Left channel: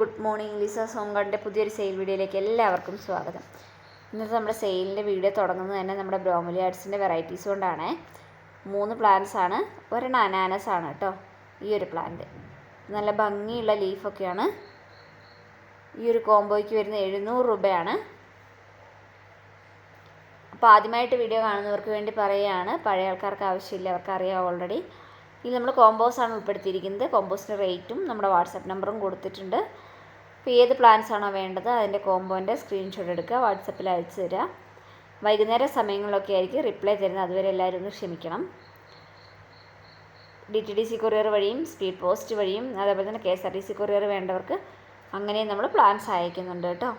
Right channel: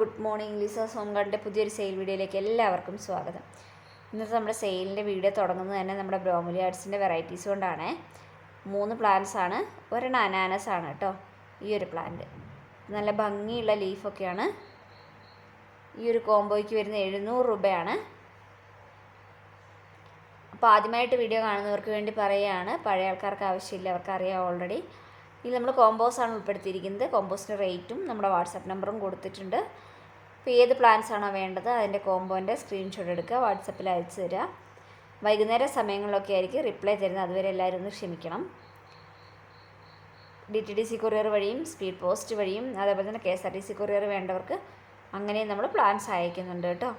Good morning. Liza's home ഗാർഡൻ്റെ പുതിയൊരു sale വീഡിയോയിലേക്ക് എല്ലാവർക്കും സ്വാഗതം. ഇന്നത്തെ നമ്മുടെ സെയിലിൻ്റെ വീഡിയോ തുടങ്ങുന്നത് തന്നെ നമ്മുടെ ബ്രോമലിയാഡ്സിൻ്റെ വെറൈറ്റീസ് കൊണ്ടാണ്. 3 പ്ലാന്റ്സ് ആണ്, ഒരെണ്ണം അനാനസ് ആണ് കേട്ടോ. ഈ ഒരു പ്ലാന്റ് നല്ല ഭംഗിയുള്ള ലീഫൊക്കെയാണ്. ഈ ഒരു കോംബോയ്ക്ക് വരുന്ന 700 രൂപയാണ്. അപ്പോൾ ആദ്യമായിട്ട് വീഡിയോ കാണുന്നവർക്ക് വേണ്ടി പറയുകയാണ്, പഴയ ആൾക്കാർക്ക് ആവശ്യമില്ല, അവർക്ക് അറിയാം ഓൾറെഡി. ഇത് നമ്മൾ കോമ്പോസാണ് ഉൾപ്പെടുത്തിയിരിക്കുന്നത്. കോമ്പോസിൻ്റെ റേറ്റും നമ്മുടെ വാട്സാപ്പ് നമ്പറും കൊടുത്തിട്ടുണ്ട്. അപ്പോൾ ഏത് പ്ലാൻസ് ആണോ വേണ്ടത് അതിൻ്റെ കോമ്പോൻ്റെ സ്ക്രീൻഷോട്ട് എടുക്കുക, വാട്സപ്പിൽ അയച്ചു തരിക. വൈകുന്നേര സമയങ്ങളിലൊക്കെ ആയിരിക്കും റിപ്ലൈ തരുന്നത്, അതുവരെ എല്ലാവരും ഒന്ന് ക്ഷമിക്കണം. DTDC കൊറിയർ വഴിയും സ്പീഡ് പോസ്റ്റ് വഴിയും അതേപോലെ തന്നെ KSRTC കൊറിയർ വേണ്ടവർക്ക് അങ്ങനെയും നമ്മൾ പ്ലാൻസ് അയക്കുന്നുണ്ട് കേട്ടോ.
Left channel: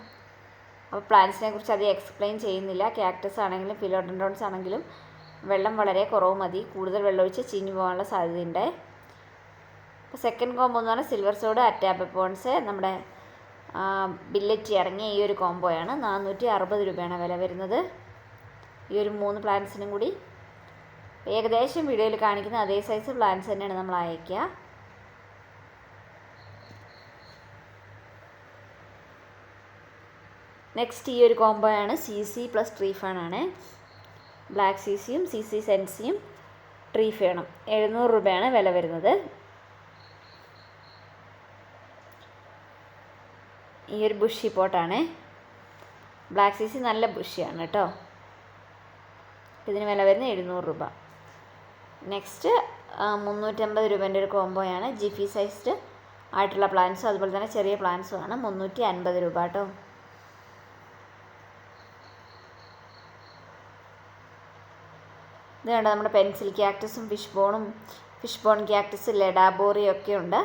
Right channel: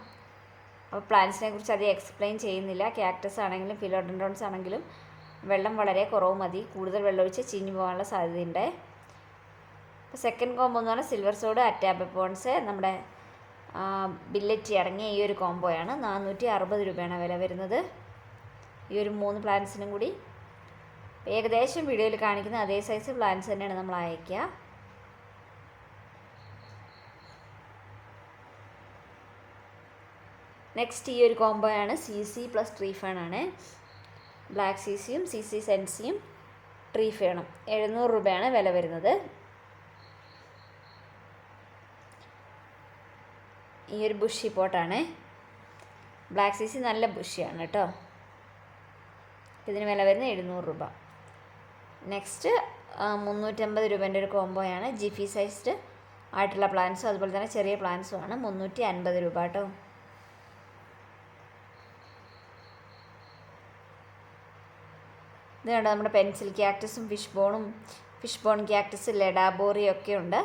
അപ്പോൾ പ്ലാൻസിനെ കുറിച്ച് അധികം എക്സ്പ്ലെയിൻ ചെയ്യുന്നില്ല. ക്യാക്ടസ് ആണെങ്കിലും ഫിലോഡെൻഡ്രോൺസ് ആണെങ്കിലും വെള്ളം വളരെ കുറവ് മതി, കൂടുതൽ വെള്ളമൊഴിച്ച് ചീഞ്ഞു പോകാനുള്ള സാധ്യതയുണ്ട്. അപ്പോൾ സെക്കൻഡ് കോംബോ എന്ന് പറഞ്ഞാൽ സിൽവർ സോഡ്, അറ്റാബപ്പോൺസ്, നമ്മുടെ ബില്ലറ്റി അടങ്ങിയ ഈ ഒരു കോംബോയാണ്. 460 രൂപയാണ് വില വരുന്നത്. ഈ ഒരു 3 പ്ലാന്റ്സിനും കൂടി ഏകദേശം വീഡിയോയിൽ കാണിക്കുന്ന അതേ സൈസ് പ്ലാന്റ്സ് തന്നെയാണ് നമ്മൾ അയക്കുക. നെക്സ്റ്റ് ഈ ഒരു കോംബോയാണ് CC പ്ലസ് ട്രീ ഫേൺ ആണ്. ബ്ലാക്ക് CCയും CC സെൻസിയും ട്രീ ഫേണും 700 രൂപയാണ് വില വരുന്നത്. ഈ ഒരു ബുഷി പോട്ടാണ്. ബ്ലാക്ക് CC നല്ല ബുഷിയാണ് കേട്ടോ. ഇതിന് വില വരുന്നത് 700 രൂപ. നെക്സ്റ്റ് 350 രൂപേൻ്റെ ഒരു കോംബോയാണ്. ജിഫി സൈസ്ഡ് ആയിട്ടുള്ള പ്ലാന്റ്സും അതുപോലെ തന്നെ ചെറിയ പ്ലാന്റ്സും ആണ്. 350 രൂപ കേട്ടോ. ഇത് കണ്ടോ, നമ്മുടെ പെൻസിൽ ക്യാക്ടസും ഫിഷ് ബോൺ ക്യാക്ടസ്, ലെഡാബോറിയും ഒക്കെ ഉണ്ട്.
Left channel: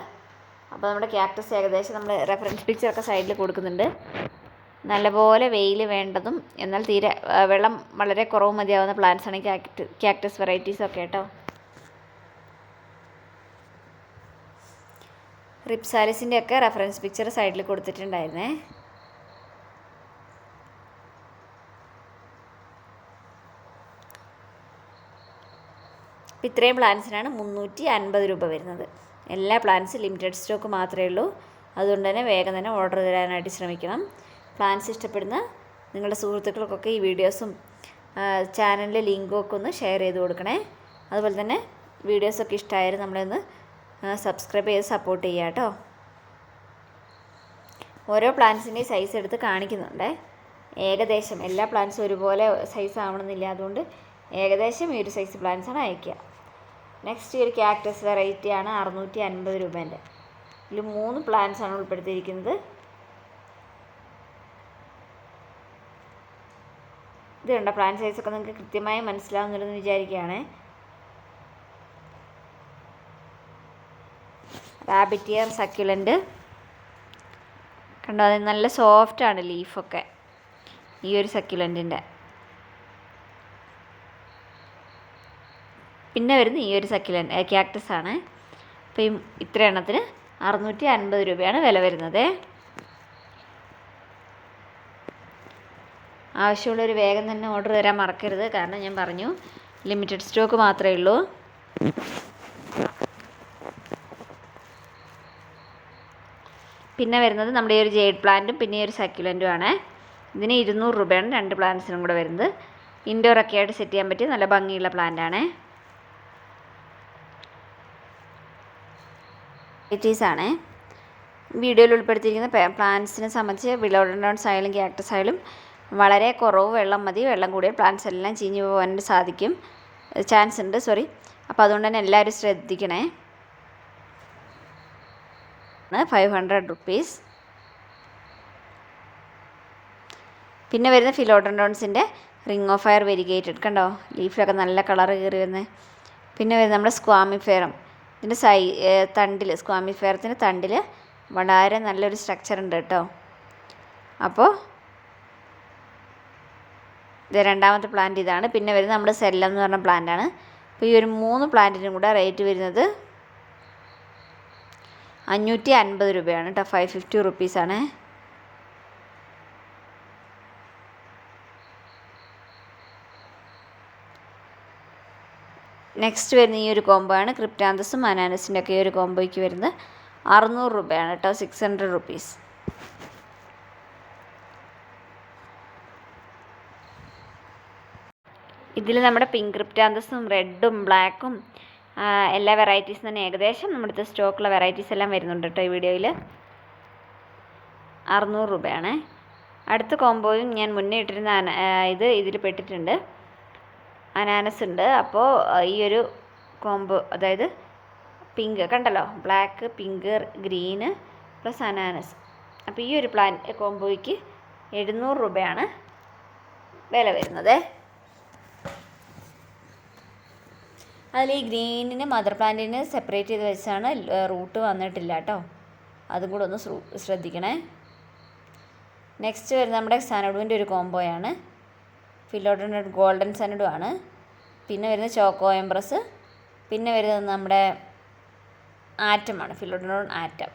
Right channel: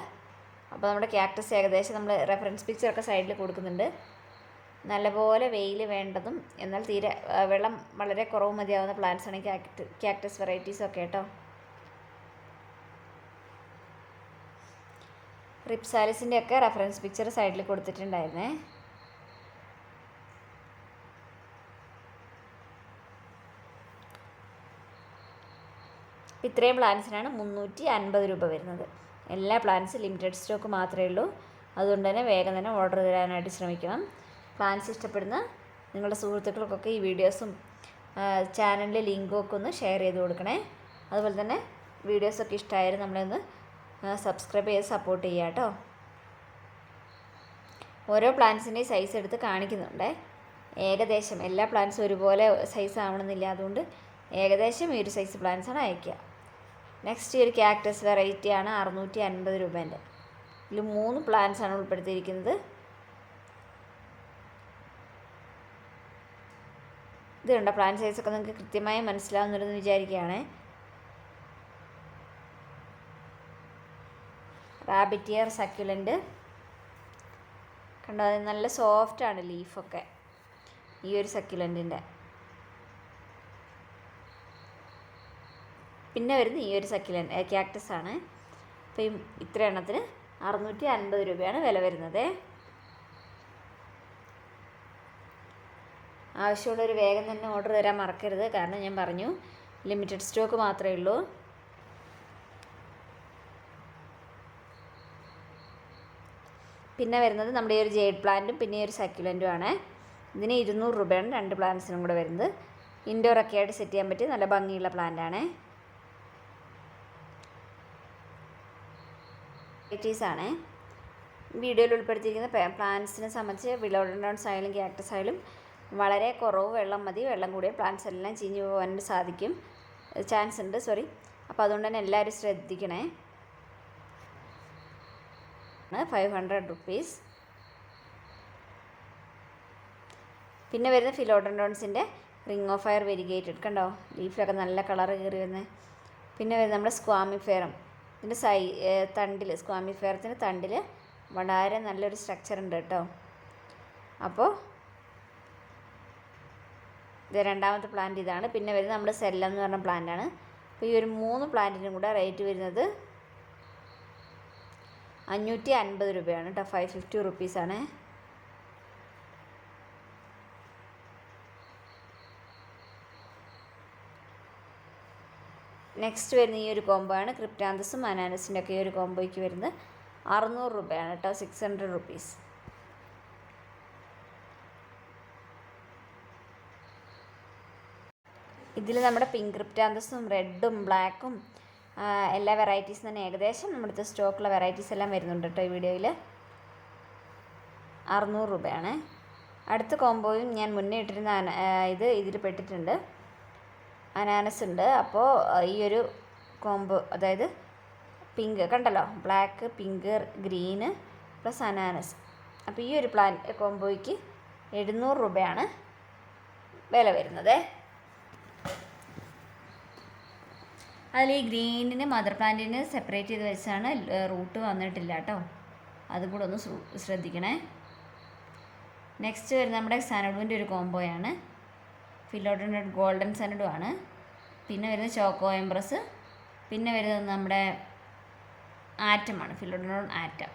അപ്പോൾ നമ്മുടെ ക്യാക്ടസ് ഏകദേശം നമ്മൾ റെഫറൻസ് പിക്ചറൊക്കെ സൈഡിൽ കൊടുക്കുന്നുണ്ട്. നല്ലപോലെ വെയിൽ വേണ്ടതും എന്നാൽ തീരെ വെള്ളം വളരെ കുറവ് മതിയാവുന്ന പ്ലാന്റ്സ് ആണ് ക്യാക്ടസ് വെറൈറ്റീസൊക്കെ കേട്ടോ. റിപ്സാലിസിൻ്റെ ഒക്കെ റെഫറൻസ് പിക്ചർ സൈഡിൽ കൊടുത്തിട്ടുണ്ടായിരുന്നേ. അപ്പോൾ ഇത്രയും പ്ലാന്റ്സിനാണ് 350 രൂപ വരുന്നത്. എല്ലാ പ്ലാന്റ്സും ലിമിറ്റഡ് സ്റ്റോക്ക് മാത്രമേ ഉള്ളൂ. അതുകൊണ്ട് തന്നെ വേഗം തന്നെ ഓർഡർ തരാനായിട്ട് ശ്രമിക്കണം. പ്ലാന്റ്സ് ഇഷ്ടപ്പെടുന്ന നിങ്ങളുടെ സുഹൃത്തുക്കൾക്കൊക്കെ ഈ വീഡിയോസും ചാനലിലെ ലിങ്കും ഒക്കെ ഒന്ന് ഷെയർ ചെയ്ത് കൊടുക്കണേ. അതുപോലെ തന്നെ വീഡിയോസൊക്കെ ഇഷ്ടമായാലും നമ്മളൊന്ന് സബ്സ്ക്രൈബ് ചെയ്ത് സപ്പോർട്ട് ചെയ്യുക കേട്ടോ. ഓരോ പ്ലാന്റ്സിൻ്റെയും സൈസ് എടുത്ത് കാണിക്കുന്നുണ്ട്. ഏകദേശം എല്ലാ പ്ലാന്റ്സും ഒരുപോലെ സൈസ് ആവണമെന്നില്ല, അതുകൊണ്ട് ഏകദേശം ഈ ഒരു സൈസ് പ്ലാന്റ്സാണ് അയക്കുക. നെക്സ്റ്റ് ഈ ഒരു ക്യാക്ടസ് വെറൈറ്റിയാണ് 650 രൂപേൻ്റെ. ഇതിൽ 3 പ്ലാന്റ്സാണ് ഉൾപ്പെടുത്തിയിരിക്കുന്നത്. ഇത് കണ്ട പ്ലാന്റ് സൈസൊക്കെ നിങ്ങൾക്ക് കൃത്യമായി മനസ്സിലാവുന്നുണ്ടെന്ന് വിചാരിക്കുകയാണ്. റാബിറ്റ് ഇയർ സക്യുലൻ്റ് കണ്ടോ, അത് നല്ല സോഫ്റ്റാണ് ലീഫൊക്കെ ഈ ഒരു സക്യുലൻറ്റിൻ്റെ. പിന്നെ വരുന്ന ഈ ഒരു ക്യാക്ടസ് ആണ്. അപ്പോൾ ഈ ഇത്ര എണ്ണത്തിന് 650 രൂപയാണ് വില വരുന്നത്. ആവശ്യമുള്ളൊരു വേഗം തന്നെ ഓർഡർ തരാൻ മറക്കരുത്, കാരണം ഞാൻ പറഞ്ഞു ലിമിറ്റഡ് സ്റ്റോക്ക് മാത്രമേ ഉള്ളൂ. പിന്നെ വരുന്നത് നമ്മുടെ ഈ ഒരു ജെയ്ഡ് പ്ലാന്റും പിന്നെ ഈ ഒരു സക്യുലൻറ്റും ആണ്. ഇതിന് 200 രൂപയാണ് 2 പ്ലാന്റ്സിനും കൂടെ വരുന്നത്. ഇൻഡോറൊക്കെ ആയിട്ട് സെറ്റ് ചെയ്യാൻ പറ്റിയ നല്ല ഭംഗിയുള്ള പ്ലാന്റാണ്. വെറൈറ്റീസാണ് വീഡിയോയിൽ ഉൾപ്പെടുത്തിയിരിക്കുന്ന പ്ലാന്റ്സിനെ സംബന്ധിച്ച്. ഫിലോഡെൻഡ്രോൺസ് ആയാലും ക്യാക്ടസ് ആയാലും വളരെ കുറവ് വെള്ളം മതി. വെള്ളം കൂടിയ പ്ലാന്റ്സ് എല്ലാം ചീഞ്ഞു പോകാൻ ചാൻസ് ഉണ്ട്. അപ്പോൾ അതുകൊണ്ട് തന്നെ എല്ലാവരും ശ്രദ്ധിക്കണേ. 500 റുപ്പീസ്. പിന്നെ വരുന്ന ഫിലോഡെൻഡ്രോൺസിൻ്റെ റിംഗ് ഓഫ് ഫയർ വെരിഗേറ്റഡ് കണ്ടോ, ലീഫിലൊക്കെ നല്ല കളർ കയറി വരുന്നത്. പിന്നെ വരുന്നത് നമ്മുടെ സ്ക്വാമിഫെയറും. ഇതിൻ്റെ തണ്ടിൽ സ്ക്വാമിഫെയറത്തിൻ്റെ തണ്ടിൽ വളരെ നല്ലൊരു സ്ട്രക്ചർ ഉണ്ട് കേട്ടോ. അപ്പോൾ ഇത് രണ്ടാമത്തെ പ്ലാന്റ് ഇതാണ്. പിന്നെ വരുന്നത് നമ്മുടെ സെല്ലം എന്ന് പറഞ്ഞ പ്ലാന്റാണ്. അപ്പോൾ ഈ ഒരു 3 പ്ലാന്റിനും കൂടെ റേറ്റ് വരുന്നത് 550 രൂപയാണ് കേട്ടോ. 550 റുപ്പീസാണ്. നെക്സ്റ്റ് വരുന്ന ഈ ഒരു കോംബോ ആണ് ക്രിപ്റ്റാന്തസും അനാനസിൻ്റെ ഒക്കെ ഈ ഒരു കോംബോയ്ക്ക് വരുന്നത് 600 രൂപയാണ് കേട്ടോ, 600 റുപ്പീസ്. ഇതിൽ നമ്മുടെ പിങ്ക് ക്രിപ്റ്റാന്തസും റെഡും ബ്ലാക്കും എല്ലാ വെറൈറ്റീസും തന്നെ ഏകദേശം നമ്മുടെ അടുത്ത് സ്റ്റോക്കുള്ള വെറൈറ്റീസ് എല്ലാം വരുന്നുണ്ട് കേട്ടോ ഈ വീഡിയോയിൽ. 600 രൂപയാണ്. അടുത്ത കോംബോയും ഞാൻ മുന്നേ ഇട്ടിരുന്ന ഇതിൽ പെട്ടിട്ടുണ്ട്, അനാനസ് ഉണ്ട്. അപ്പോൾ ഈ ഒരു കോംബോ, അതായത് പിങ്ക് കണ്ടല്ലോ, ബ്ലാക്ക്, പിങ്ക്, ഗ്രീന് പ്ലസ് അനാനസ്. അപ്പോൾ ഈ ഒരു കോംബോയ്ക്ക് 700 രൂപയാണ് വില വരുന്നത്. അതിൽ ഈ ഗ്രീനിന് മദർ പ്ലാന്റിന് സെപ്പറേറ്റ് ചെയ്ത് വെച്ചാണ്, റൂട്ട് വന്നിട്ടില്ല കേട്ടോ, അതും കൂടെ ഒന്ന് ശ്രദ്ധിക്കണേ. നെക്സ്റ്റ് വരുന്നത് നമ്മുടെ സനഡുവിൻ്റെ ഒരു കോംബോയാണ്. ഫിലോഡൻഡ്രോൺ ഗോൾഡൻ സനഡു ആണ്. പിന്നെ വരുന്നത് ചോക്കോ എംപ്രസ്. പിന്നെ വരുന്നത് നമ്മുടെ ആറ്റമാണ്, ഫിലോഡൻഡ്രോൺ ആറ്റം.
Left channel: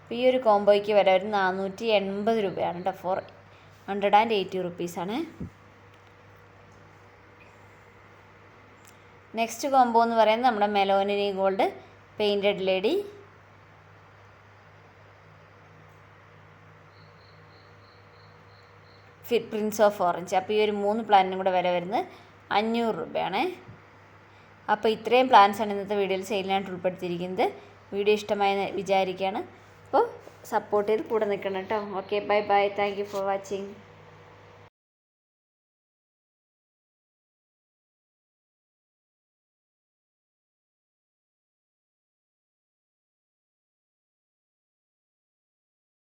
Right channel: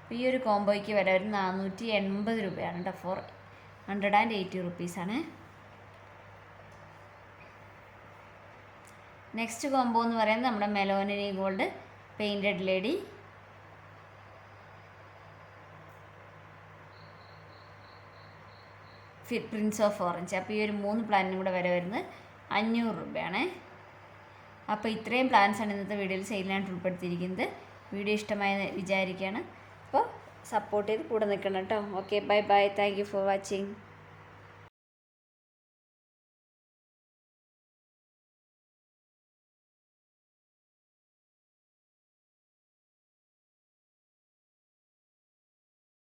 അപ്പോൾ ഈ ഒരു കോംബോയ്ക്ക് വില വരുന്നത് 480 രൂപയാണ് കേട്ടോ, 480 റുപ്പീസാണ്. നെക്സ്റ്റ് കോംബോ എന്ന് പറയുന്നത് നമ്മുടെ Meloni gold painted lady. Prince of orange. അപ്പോൾ ഈ ഒരു 3 പ്ലാന്റിനും കൂടെ വില വരുന്നത് 500 രൂപയാണ്. അപ്പോൾ ഇത്രയും പ്ലാൻസാണ് ഇന്നത്തെ വീഡിയോയിൽ സെയിലിനായിട്ട് ഉൾപ്പെടുത്തിയിരിക്കുന്നത്. വീഡിയോ ഇഷ്ടമായി വിചാരിക്കുകയാണ്. അപ്പോൾ സപ്പോർട്ട് ചെയ്ത് കൂടെ നിൽക്കണം കേട്ടോ. Okay, bye bye, thank you for watching.